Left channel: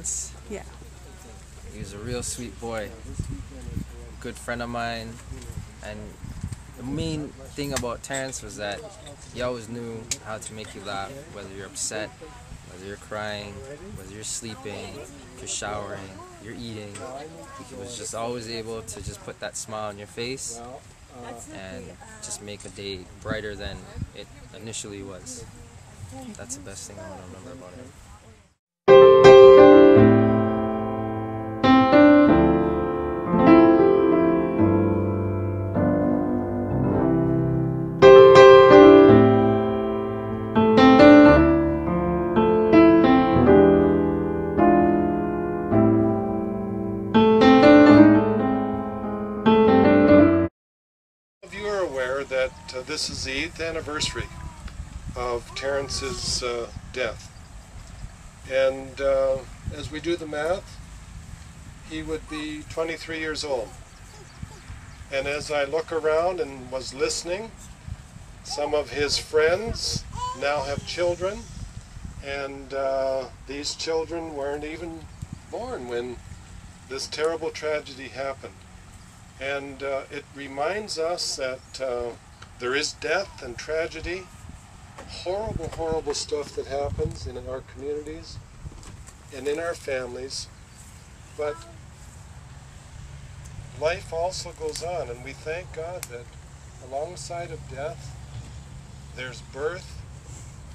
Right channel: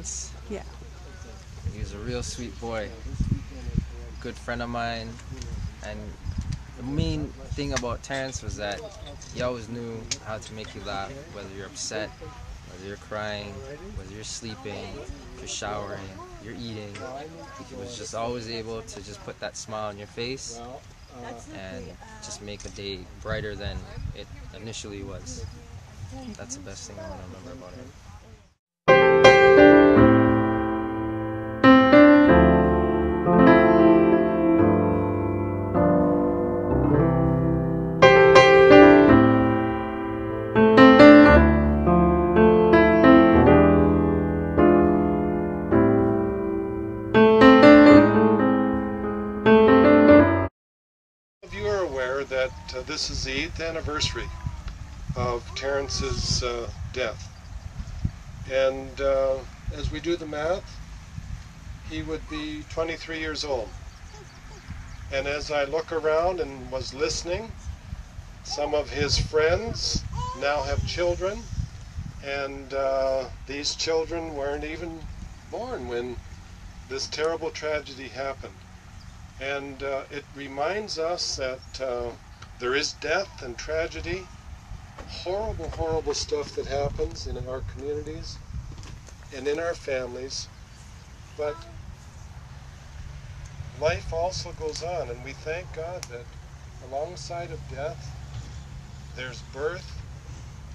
Terrence? Yeah. He was a real sweet boy, good friend of mine, and the main thing about Terrence was that he always knew how to make you laugh, whether you're upset, whether you're crying, whether you're sleeping, if you're showering, you're eating. He was just always able to just put that smile on your face and just make a day brighter than it initially was. That's the best thing I want to remember about him. You are aware that this is the 8th anniversary of Terrence's death, and as we do the math, he would be 23 years old. And as I look around and was listening, some of his friends now have children, and these children weren't even born when this terrible tragedy happened. And it reminds us that there is death and tragedy, horrible, horrible stuff that happens in our communities and in our families, but life also goes on, and we thank God that alongside of death, there's birth,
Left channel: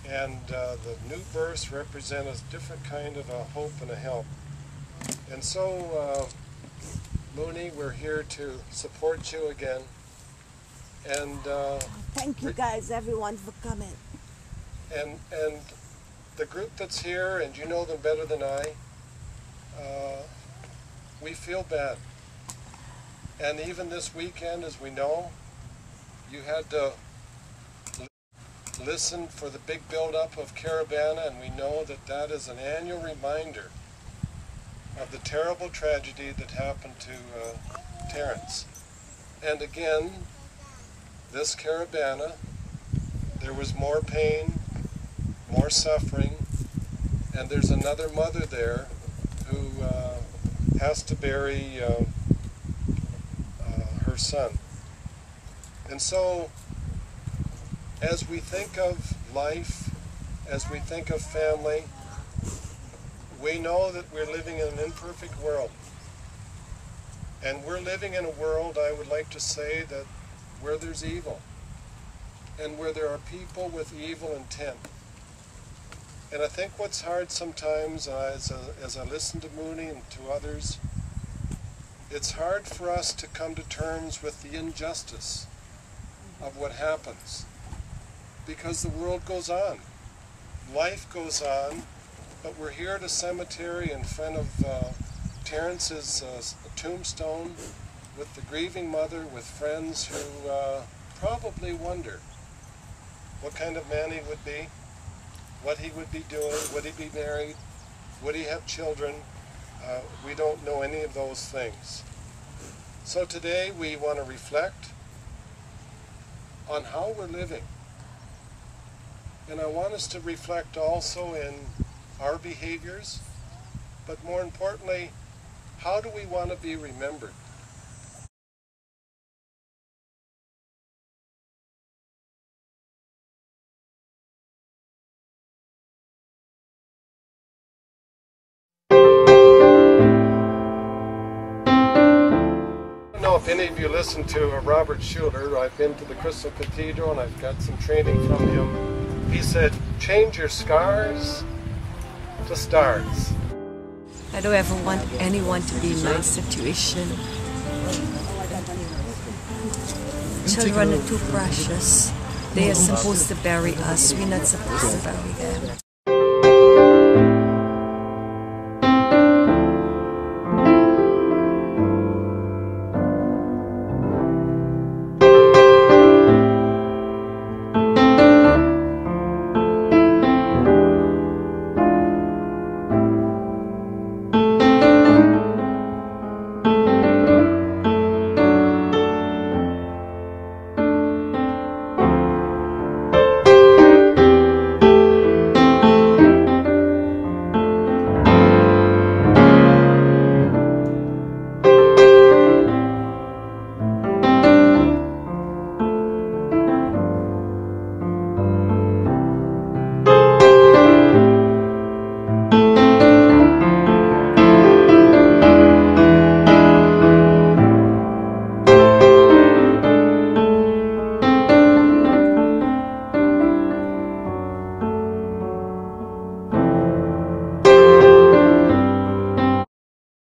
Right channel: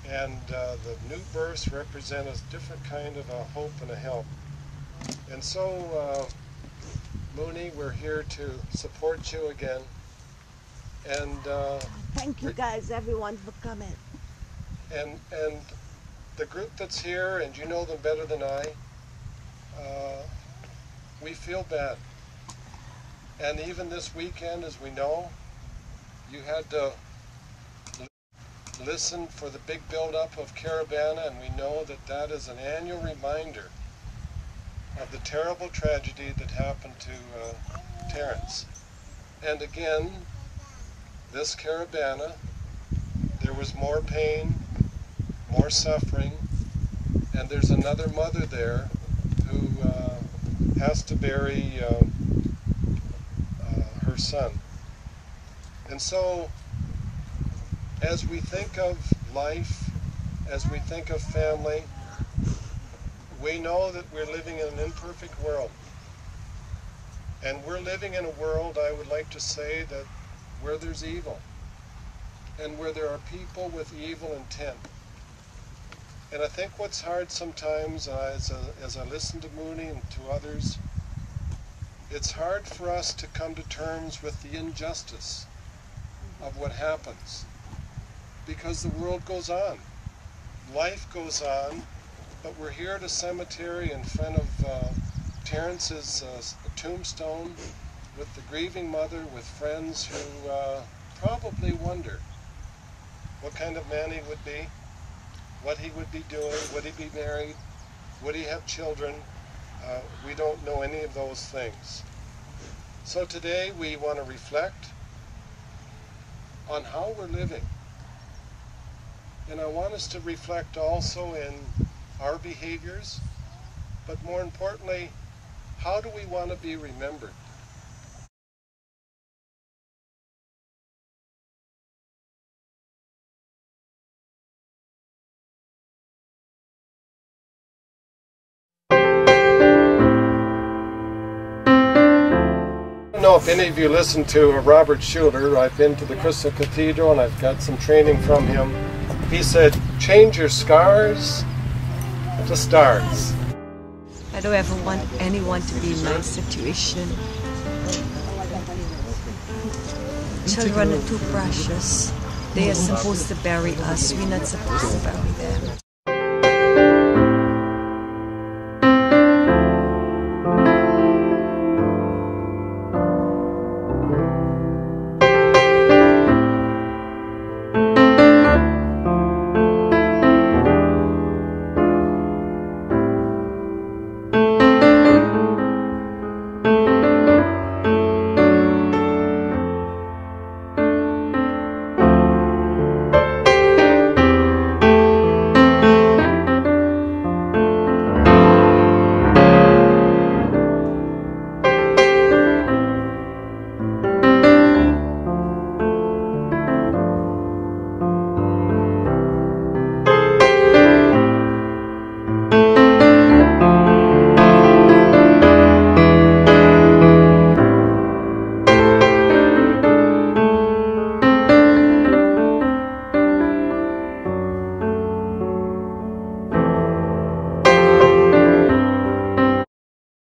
and the new births represent a different kind of a hope and a help. And so, Moonie, we're here to support you again, and thank you guys, everyone, for coming. And the group that's here, and you know them better than I, we feel bad. And even this weekend, as we know, you had to listen for the big buildup of Caribana, and we know that that is an annual reminder of the terrible tragedy that happened to Terrence. And again, this Caribana, there was more pain, more suffering, and there's another mother there who has to bury her son. And so, as we think of life, as we think of family, we know that we're living in an imperfect world. And we're living in a world, I would like to say, that where there's evil, and where there are people with evil intent. And I think what's hard sometimes, as I listen to Moonie and to others, it's hard for us to come to terms with the injustice of what happens, because the world goes on, life goes on, but we're here at a cemetery in front of Terrence's tombstone with the grieving mother, with friends who probably wonder what kind of man he would be, what he would be doing, would he be married, would he have children? We don't know any of those things. So today we want to reflect on how we're living. And I want us to reflect also in our behaviors, but more importantly, how do we want to be remembered? I don't know if any of you listen to Robert Schuller. I've been to the Crystal Cathedral and I've got some training from him. He said, change your scars to stars. I don't ever want anyone to be in my situation. Children are too precious. They are supposed to bury us. We're not supposed to bury them.